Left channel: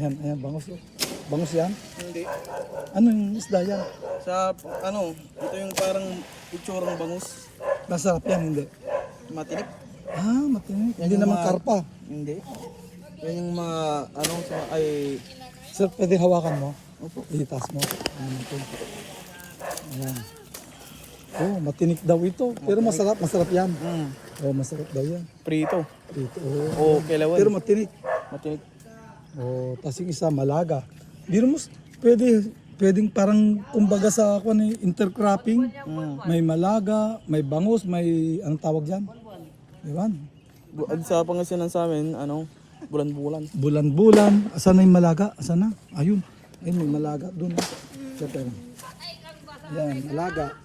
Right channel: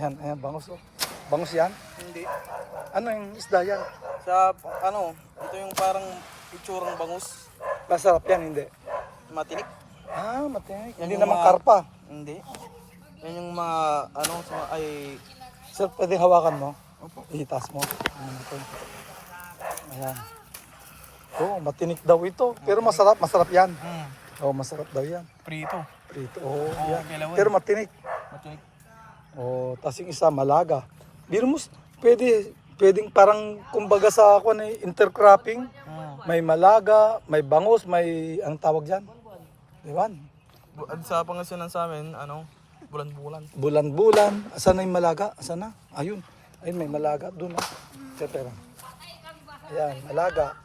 Ayan, ayan, bangus oh. Bangus yan? Hindi. Ano yung isda yan? Sa ano, ito yung parang itsurang bangus. Masarap yan, hindi? Matinik. Ah, matinik. Hindi Yung naman mga- karpa. Hindi. Yan yung ano, ay, Sir, pwede hawakan mo? Itas mo. Ayan. Oh, matinik daw ito. Pero masarap, masarap yan. Oh, masarap daw yan. prito. Dito. Oh, O kailawan. pero matinik. Matinik. Oh, tas yung isa malaga. Biro mo, pwedeng parang kumbaga sa ako ni intercropping. May malaga, may bangus, may ang tawag diyan. Diwan. Sa Pangasinan sa amin, ano, bulan-bulan. Bulan-bulan. Asan na yung malaga? Asan na? Ayun. Ayun, may malaga doon. Ayan, malaga.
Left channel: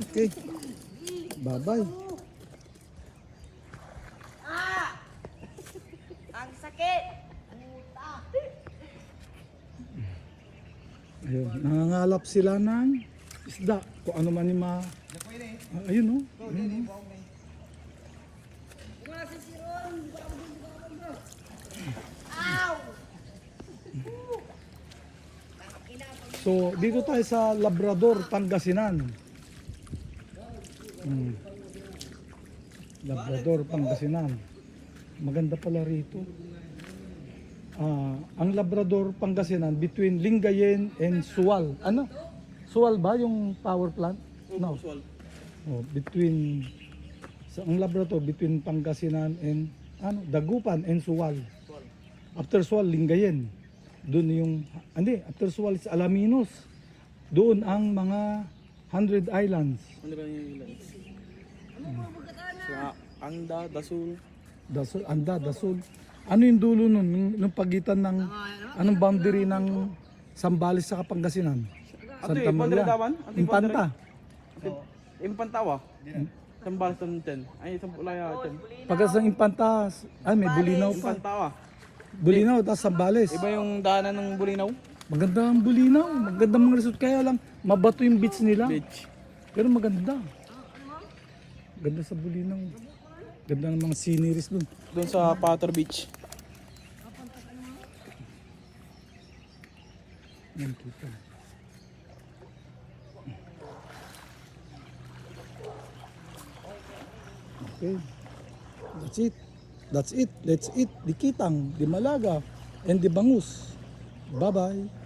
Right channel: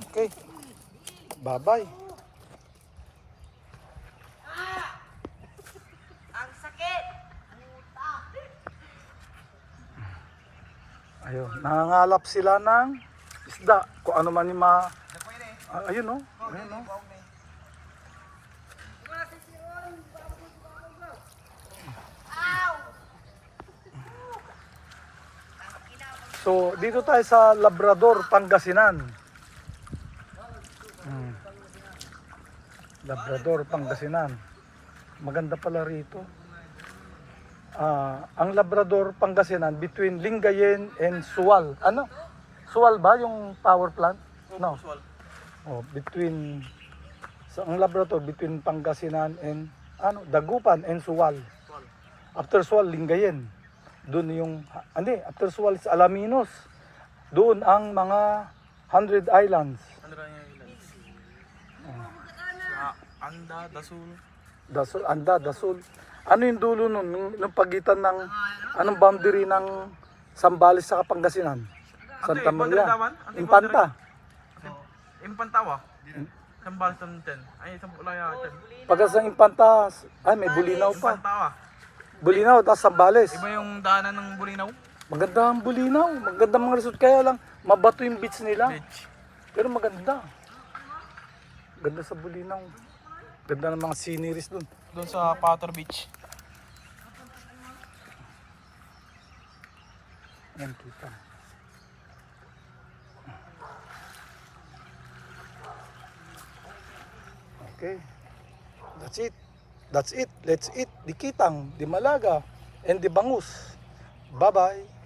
Okay. Bye-bye. Ang sakit. Ayun, nangangalap sila ng isda. Kung ano man yung ayun oh. Ayun oh. So, dito tayo sa Labrador, Pangasinan. Labrador, Pangasinan. Maganda pala rito. Ang Labrador, Pangasinan, between Lingayen and Sual. Ano? Sual ba yung power plant? No. Oh, between ang Labrador, between Pangasinan and Dagupan and Sual. After Sual, Lingayen. Doon yung, after Sual is Alaminos. Doon ang mga 100 islands. Ano lang yung ilan? Sa Anda, Dasul. Dasol, Anda, Dasol. Ano yung dulo nun? Nung pagitan ng, anong boundary ng Sambales sa Pangasinan? Santa Maria. Infanta. Impantawa. Sambal sa Ten. Ay, sa Pulaya Ten. Pagkas ng Infanta, may Bulinaw pa. Impantawa. Bulinaw, tapos Sambales. Iba yung daanan ng Bulinaw. Maganda ang Bulinaw. Maganda mga resort. Kaya lang, mabato yung beach nila. Beach. Pero maganda. Ganda sa Bulinaw. Ganda ng mga sceneries nun. Doon sa Pater Beach. Yan kita. Okay. That's it. That's it. Let's eat di kitang, di malaga, and di bangus. Bye-bye.